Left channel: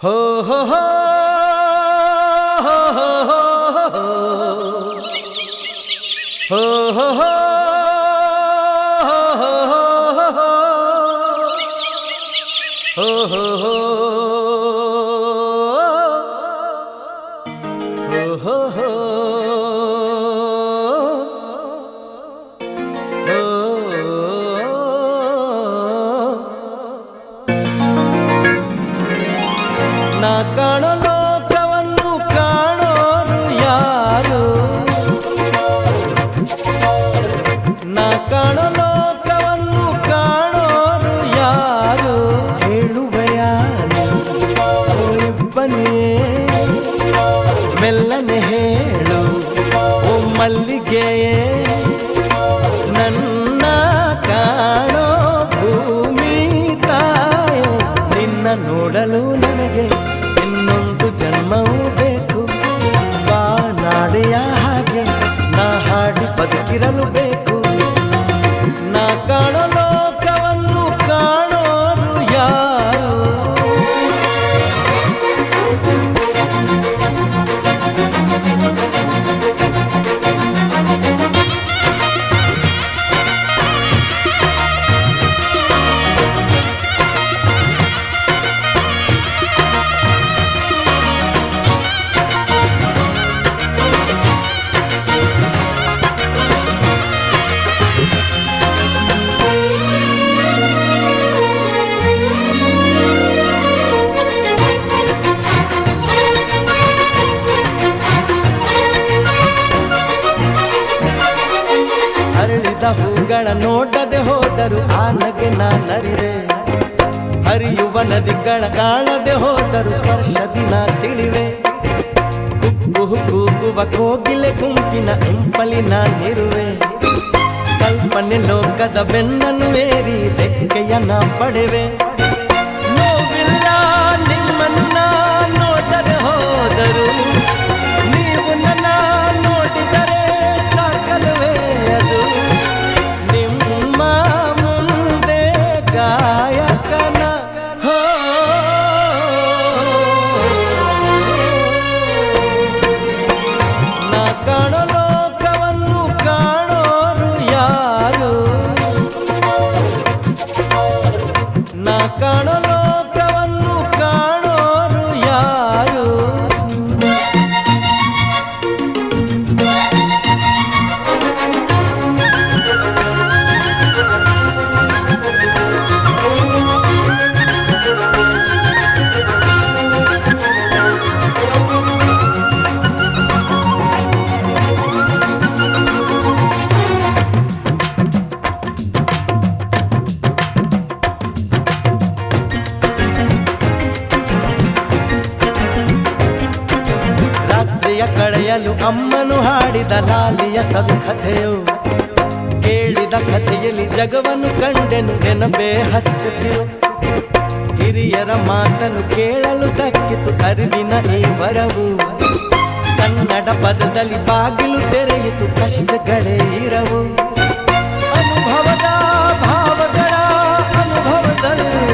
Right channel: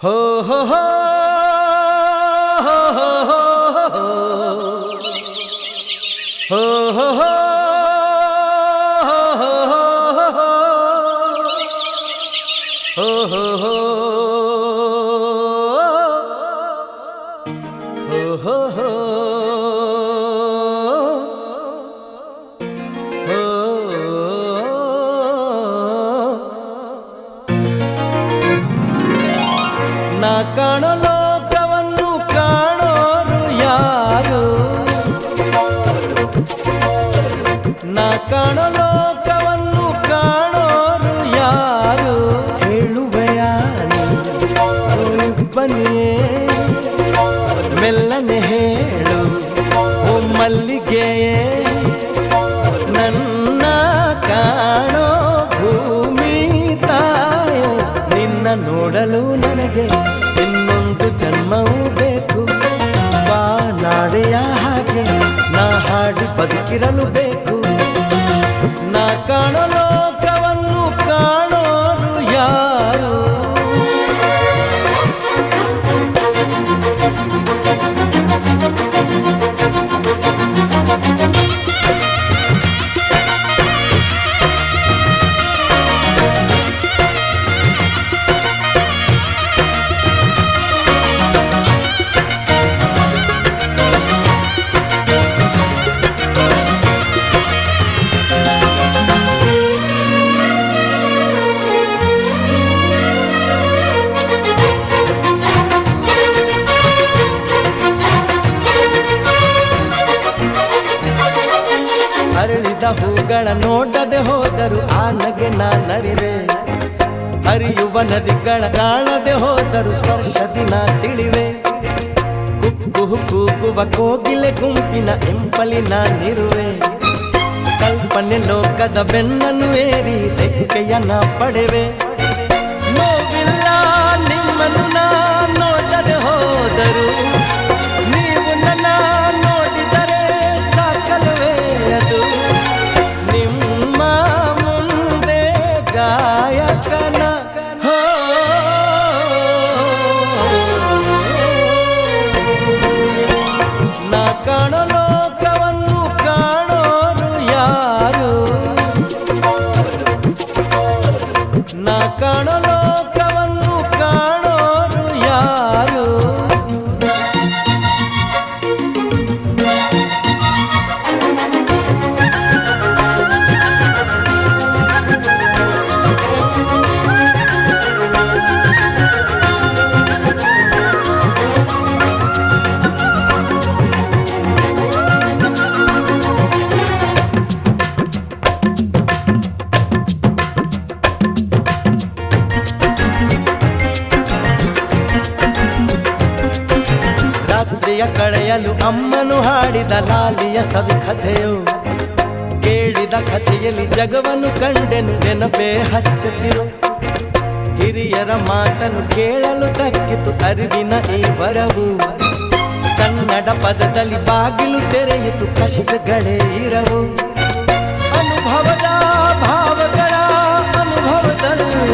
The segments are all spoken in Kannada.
हो हो हो हो हो हो हो हो हो ನಾ ಕಾಣೋ ಲೋಕವನ್ನು ಕಾಣೋರು ಯಾರು? ನಾ ಕಾಣೋ ಲೋಕವನ್ನು ಕಾಣೋರು ಯಾರು? ಹೇಳುವೆಯ ಇಬ್ಬನಿಯೇ ಮೆಲ್ಲನೆ ಹೇಳು ಓ ಮಲ್ಲಿಗೆಯೇ, ನನ್ನ ಕಾಣೋ ಭೂಮಿ ತಾಯೋ, ನಿನ್ನ ನೋಡಲು ನನಗೆ ಇನ್ನೊಂದು ಜನ್ಮವೂ ಬೇಕು. ಬಾ ನಾಡೆಯ ಹಾಗೆ ನಾ ಹಾಡಿ ಬದುಕಿರಲು ಬೇಕು. ನಾ ಕಾಣೋ ಲೋಕವನ್ನು ಕಾಣೋರು ಯಾರು? ಅರಳಿದ ಹೂಗಳ ನೋಡದೆ ಹೋದರು ಆ ನಗೆ ನಾನರಿವೆ. ಹರಿಯುವ ನದಿಗಳ ಕಾಣದೆ ಹೋದರು ಸ್ಪರ್ಶದಿ ನಾ ತಿಳಿವೆ. ಕುಕ್ಕು ಕೂಗುವ ಕೋಗಿಲೆ ಗುಂಪಿನ ಇಂಪಲಿ ನಾನಿರುವೆ. ಕಲ್ಪನೆ ಲೋಕದ ಬೆನ್ನನ್ನು ಏರಿ ರೆಕ್ಕೆಯ ನಾ ಪಡೆವೆ. ನೋವಿಲ್ಲ ನಿಮ್ಮನ್ನು ನಾ ನೋಡದೆ ಹೋದರು, ನೀವು ನನ್ನ ನೋಡಿದರೆ ಸಾಕಲ್ವೇ ಅದು. ನಿಮ್ಮ ಮುಂದೆ ಗಾಯಕನ ಹೋ, ನಾ ಕಾಣೋ ಲೋಕವನ್ನು ಕಾಣೋರು ಯಾರು? ನಾ ಕಾಣೋ ಲೋಕವನ್ನು ಕಾಣೋರು ಯಾರು? ರಾತ್ರಿಯ ಕಳೆಯಲು ಅಮ್ಮನು ಹಾಡಿದ ಲಾಲಿಯ ಸವಿ ಕಥೆಯು, ಕೇಳಿದ ಕಥೆಯಲ್ಲಿ ಜಗವನ್ನು ಕಂಡೆನು ನೆನಪೇ ಹಚ್ಚಸಿರು. ಹಿರಿಯರ ಮಾತನ್ನು ಕೇಳಲು ದಕ್ಕಿತು ಅರಿವಿನ ಈ ವರವು. ಕನ್ನಡ ಪದದಲ್ಲಿ ಬಾಗಿಲು ತೆರೆಯಿತು ಕಷ್ಟಗಳೇ ಇರವು. ಅನುಭವದ ಭಾವಗಳ ಅನುಭವದಲ್ಲಿ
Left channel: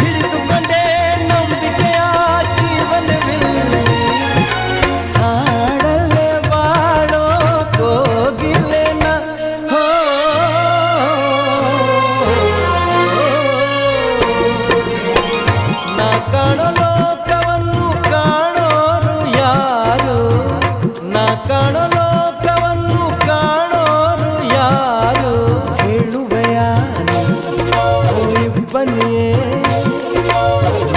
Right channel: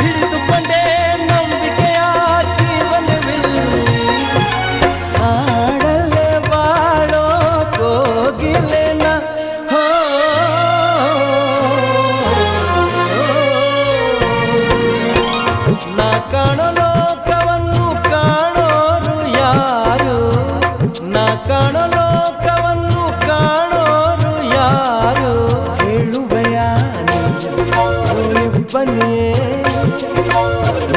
ಹಿಡಿದುಕೊಂಡೇ ನಂಬಿಕೆಯ ಜೀವನವಿಲ್ಲಿ. ಹಾಡಲ್ಲೇ ಬಾಳೋ ಕೋಗಿಲೆನ ಹೋ, ನಾ ಕಾಣೋ ಲೋಕವನ್ನು ಕಾಣೋರು ಯಾರು? ನಾ ಕಾಣೋ ಲೋಕವನ್ನು ಕಾಣೋರು ಯಾರು? ಹೇಳುವೆಯ ಇಬ್ಬನಿಯೇ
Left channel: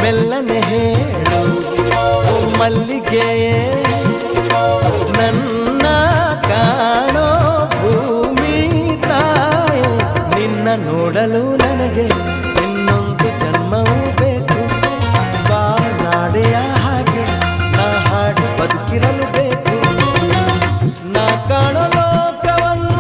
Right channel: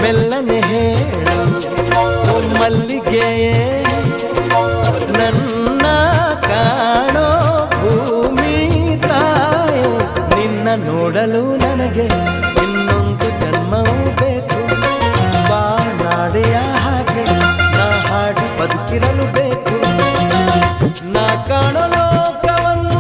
ಮೆಲ್ಲನೆ ಹೇಳು ಓ ಮಲ್ಲಿಗೆಯೇ, ನನ್ನ ಕಾಣೋ ಭೂಮಿ ತಾಯೋ, ನಿನ್ನ ನೋಡಲು ನನಗೆ ಇನ್ನೊಂದು ಜನ್ಮವೂ ಬೇಕು. ಬಾ ನಾಡೆಯ ಹಾಗೆ ನಾ ಹಾಡಿ ಬದುಕಿರಲು ಬೇಕು. ನಾ ಕಾಣೋ ಲೋಕವನ್ನು